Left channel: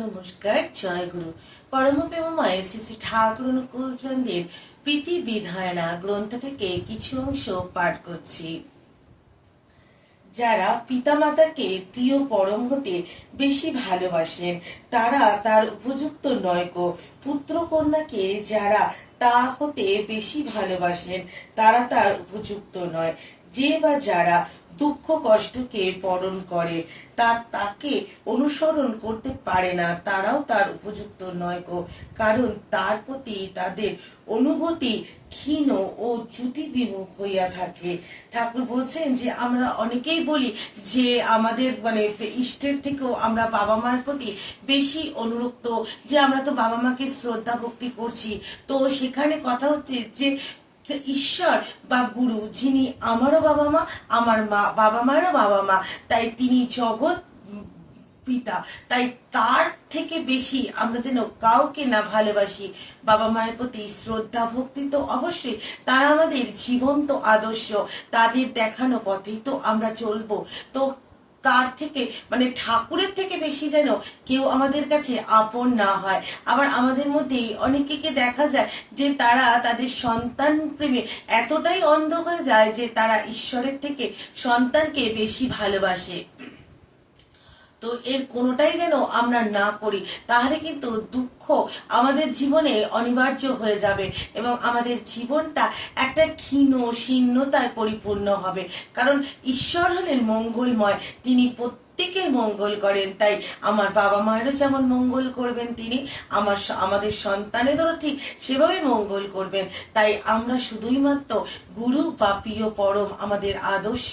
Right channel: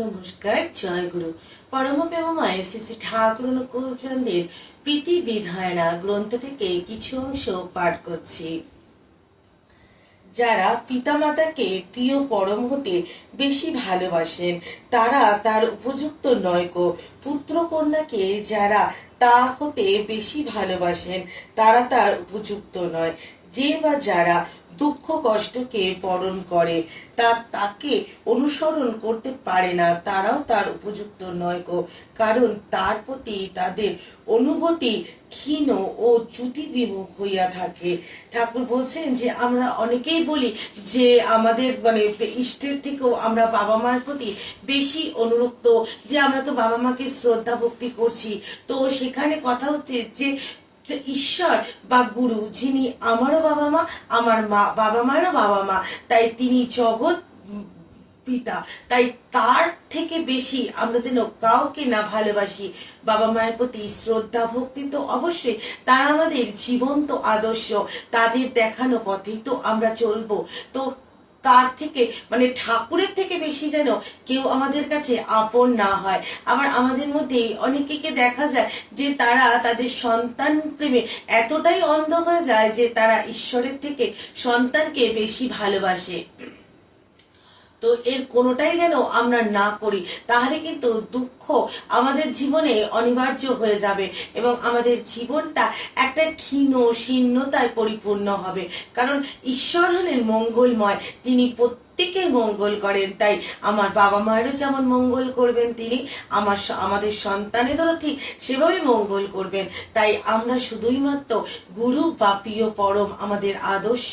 নমস্কার, জয় গুরু। পরম প্রেমময় শ্রী শ্রী ঠাকুর অনুকূলচন্দ্রের প্রীতি বিধায়না গ্রন্থ থেকে কিছু অংশ পাঠ করছি। যারা পিতামাতাকে প্রিয় পরম হতে বেশি ভালোবাসেন তারা তার উপযুক্ত নয়কো। পুত্র কন্যাকে যারা তা হতে বেশি ভালোবাসেন তারা তার উপযুক্ত নয়। যে বা যারা দুঃখ কষ্টকে বরণ করে তাকে অনুসরণ করতে পারে না তারাও তার উপযুক্ত নয় গো। কারণ তার প্রতি তাদের অনুভূতি ক্ষীণ ও চ্যুতি বিমুখ হইয়া থাকে। ঠাকুর বলছেন যে আমরা অনেকেই বলি যে আমাদের ইষ্টের থেকেও আমরা বাবা মার প্রতি বেশি অনুরক্ত, যে আমরা তো বাবা মাকে শ্রদ্ধা ভক্তি করছি। তো সেখানে কথা হচ্ছে যে ঈশ্বর বা গুরু যিনি আমারও বাবা মা, আমার মা বাবা মায়েরও বাবা মা, তাই তিনি জগৎ পিতা, তাই তার থেকে বেশি আমরা যেন কাউকে না ভালোবাসি। বাবা মায়ের প্রতি শ্রদ্ধা ভক্তি তো অবশ্যই, তারা আমাদের জীবন্ত আদর্শ, তাদের দেখানো পথেই তো আমরা চলবো। তো তার থেকে ঠাকুরের থেকে বেশি যেন কেউ আমাদের কাছে আপন না হয়। আবার আমাদের মধ্যে অনেকে দেখা যায় যে তারা তাদের সন্তান প্রেমে এতটাই অন্ধ হয়ে যায় যে তারা ঈশ্বরের থেকে সন্তানকে বেশি ভালোবাসে। তো এর কোনোটাই যেন আমরা না করি, তাহলে কিন্তু দুঃখ আমাদের জীবনে অনিবার্য হয়ে যাবে এবং আমাদের জীবনটা একটা ক্ষীণ শীর্ণতায় পরিপূর্ণ হবে। কারণ ঈশ্বর হলেন মঙ্গলময়, তিনি প্রত্যেকের মঙ্গল করেন। তাই আমার বাবা মায়েরও যেমন মঙ্গল করবেন তিনি, আমাদের সন্তানেদেরও ঠিক সেভাবে মঙ্গল করবেন। তাই আমরা শুধুই মাত্র গুরু বা প্রিয় পরম আমাদের আদর্শ,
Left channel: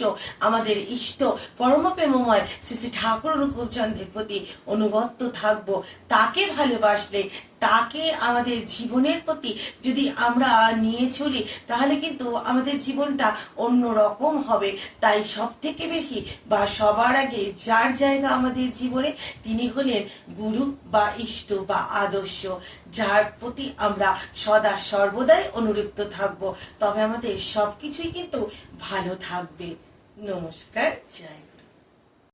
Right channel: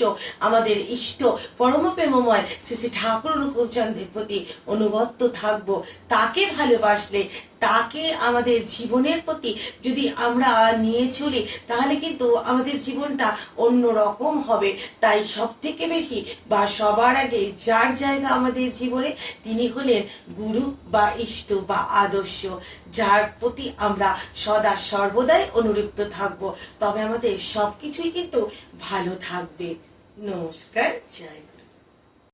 আমাদের ইষ্ট পরম প্রেমময় শ্রী শ্রী ঠাকুর অনুকূলচন্দ্রের প্রতি অনুগত থাকব। তাকে ভালোবাসলে, তাকে আমাদের জীবনের প্রতি যদি আমরা নিয়ে চলি তাহলে কিন্তু আমাদের জীবনটা অন্য রকম হবে। তাই সব থেকে বেশি বা সবার আগে যার জায়গা আমাদের জীবনে তিনি হলেন গুরু বা ইষ্ট বা আদর্শ, যার প্রতি আমরা সদা সর্বদাই অনুরক্ত থাকব। তবে আমাদের সবকিছুই কিন্তু ভালো থাকবে। নমস্কার, জয়।